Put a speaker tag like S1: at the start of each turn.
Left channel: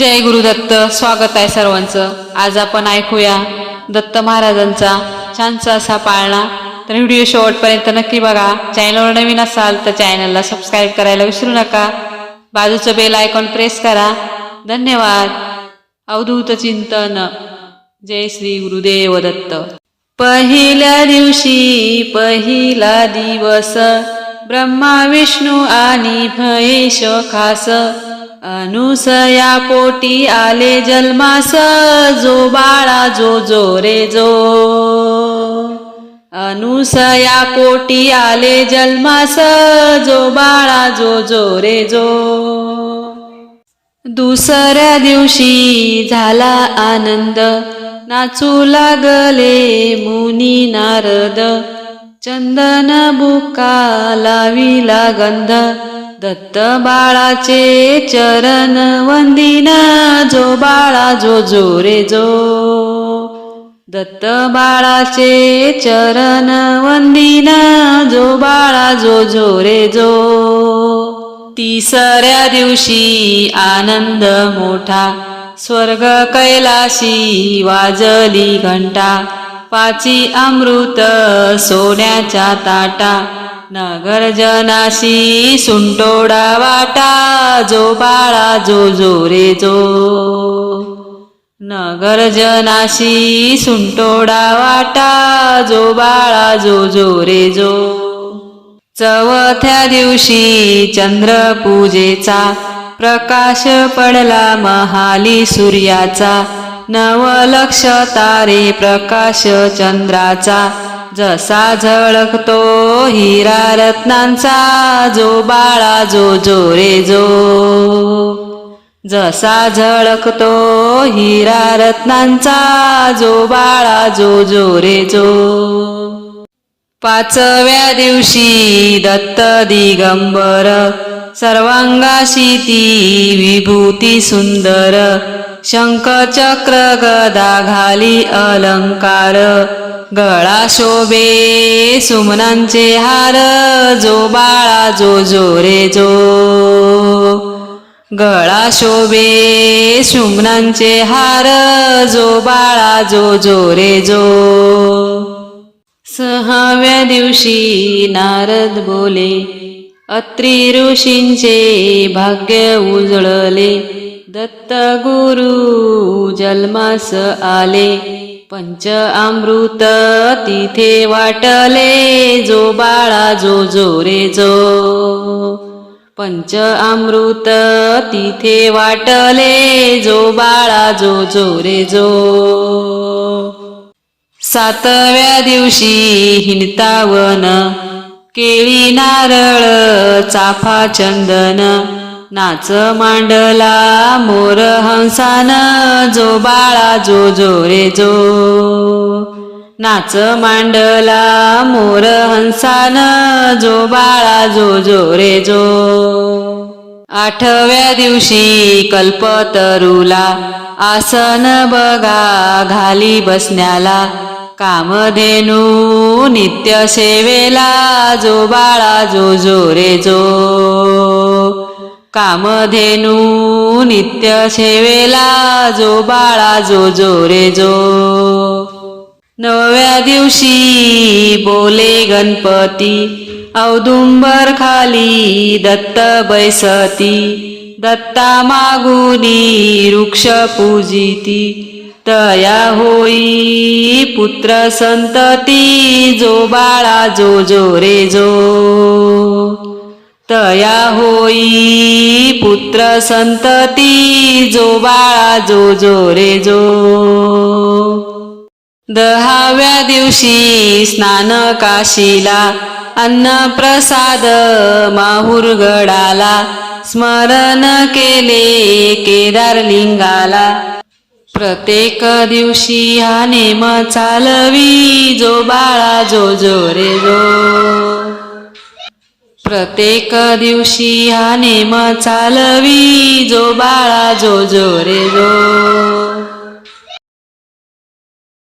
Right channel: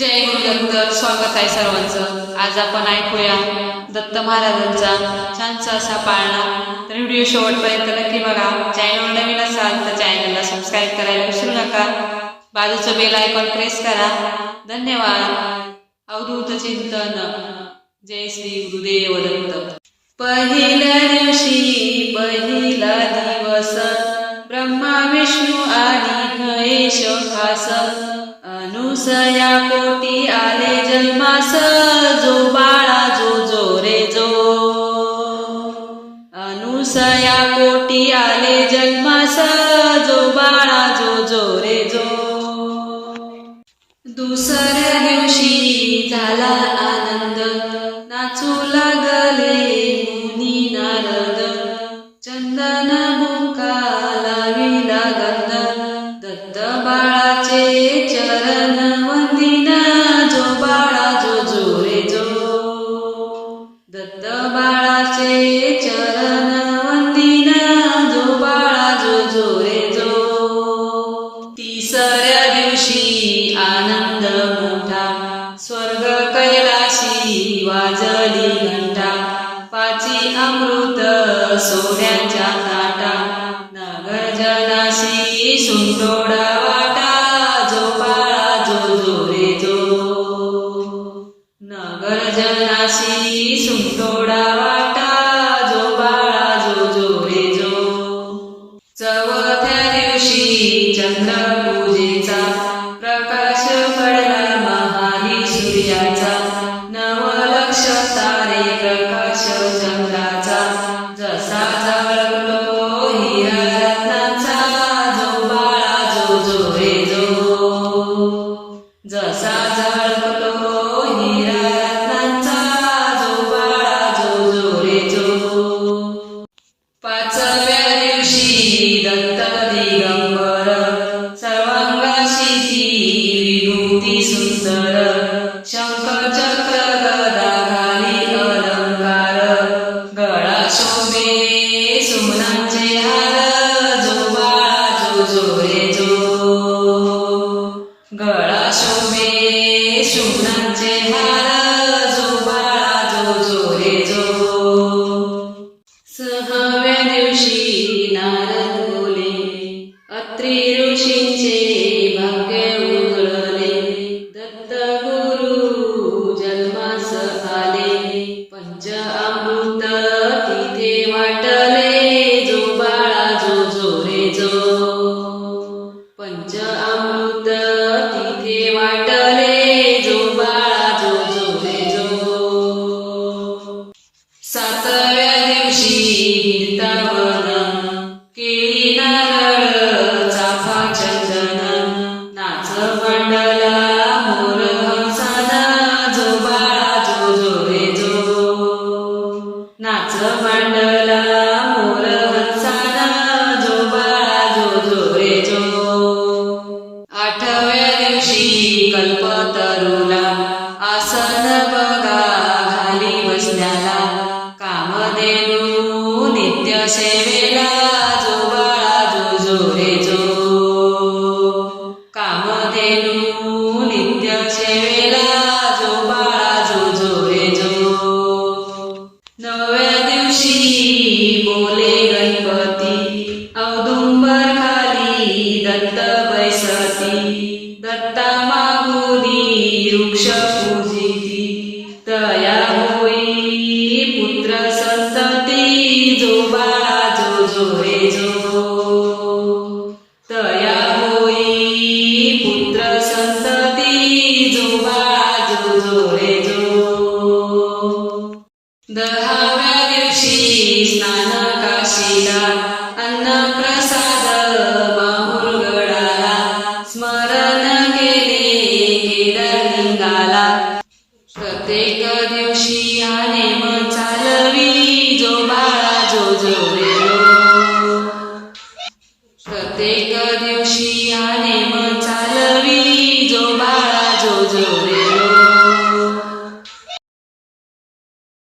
S1: जय गुरुदत्त स्वागत आहे सर्वांचं. आज आपण ऐकूया दत्त महाराजांचा छानसा असा पाळणा. तर व्हिडिओ शेवटपर्यंत नक्की बघा. चॅनलवर नवीन असाल तर चॅनलला सबस्क्राईब करायला विसरू नका. बाजूचं बेल आयकॉन प्रेस करा. धन्यवाद. अवधूत चिंतन. जय श्री गुरुदेव दत्त. पहिल्या दिवशी पहिला दिवस. ब्रह्मा विष्णू आणि महेश खास. अनुसया पोटी आले जन्मास जो बाळा जो जो रे जो. अनुसया पोटी आले जन्मास जो बाळा जो जो रे जो. दुसऱ्या दिवशी झाला आनंद नाचू लागले मुनी नारद. चंदन बुका लाविला गंध दत्त बाळाचे चरण वंदिन जो बाळा जो जो रे जो. दत्त बाळाचे चरण वंदिन जो बाळा जो जो रे जो. तिसऱ्या दिवशी आनंद मोठा स्वर्ग कैलाशी वाजली घंटा. पाची अमृत सोन्याच्या ताटा नगरजनाशी सुंटोडा वाटा जो बाळा जो जो रे जो. नगरजनाशी सुंटोडा वाटा जो बाळा जो जो रे जो. चौथ्या दिवशी चंद्र पूजेचा प्रकाश पडला महाली सूर्याचा. नवलक्ष तारे प्रकाश चंद्राचा. जसा झळकतो हिरा रत्नांचा जो बाळा जो जो रे जो. जसा झळकतो हिरा रत्नांचा जो बाळा जो जो रे जो. पाचव्या दिवशी दत्त दिगंबर सर्वांगाशी ती विभूती सुंदर शंख चक्र गदा घाली अलंकार गळा शोभे सुमनांचे हार जो बाळा जो जो रे जो. गळा शोभे सुमनांचे हार जो बाळा जो जो रे जो. सहाव्या दिवशी नारद बोले अत्री ऋषींचे भाग्य उजळले दत्त गुरु जन्मास आले. पंच अमृत तिथे वाटले जो बाळा जो जो रे जो. पंच अमृत तिथे वाटले जो बाळा जो जो रे जो. सातव्या दिवशी हिंडतावन केळी नारळ चाफा चंदन नाच मांडला मोर हंसान जो बाळा जो जो रे जो. नाच मांडला मोर हंसान जो बाळा जो जो रे जो. आठव्या दिवशी कल्पतरुला आसन बघा घाली बसण्याला. कामधेनू नित्य सेवेला जो बाळा जो जो रे जो. कामधेनू नित्य सेवेला जो बाळा जो जो रे जो. नव्या दिवशी बोले गणपती औदुंबर खाली दत्त बैसती. दत्ता मागुनी वृक्ष पूजिती. तया होई पुत्र संतती जो बाळा जो जो रे जो. तया होई पुत्र संतती जो बाळा जो जो रे जो. दहाव्या दिवशी स्नान काशीला अन्न प्रसाद माहुरगडाला स्मरण केले केदार लिंगाला. प्रत्येक दिवशी हा नेम चालवी जो बाळा जो जो रे जो. प्रत्येक दिवशी हा नेम चालवी जो बाळा जो जो रे जो.